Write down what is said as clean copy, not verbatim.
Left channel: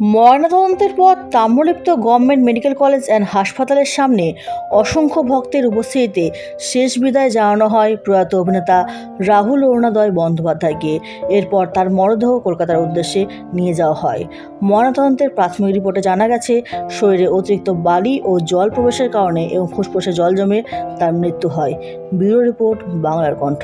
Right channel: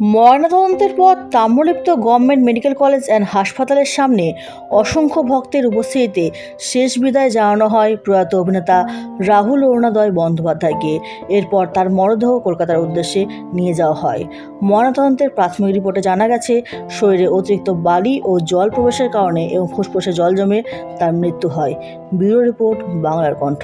ময়নাতদন্তের পর Tamralipta government medical college and হাসপাতালের সামনে অসংখ্য ভক্তের উপস্থিতিতে শেষ বিদায় জানানো হয় প্রয়াত অভিনেতা রাহুল অরুণোদয় বন্দ্যোপাধ্যায়কে। এরপর তার মরদেহ কলকাতার উদ্দেশ্যে নিয়ে যাওয়া হয়। ময়নাতদন্তের প্রাথমিক রিপোর্টে জানা গেছে, শরীরে অতিরিক্ত বালি ও জল প্রবেশের কারণে এবং ফুসফুসে জল জমে তার মৃত্যু হয়। ব্যুরো রিপোর্ট, বাংলার কণ্ঠ।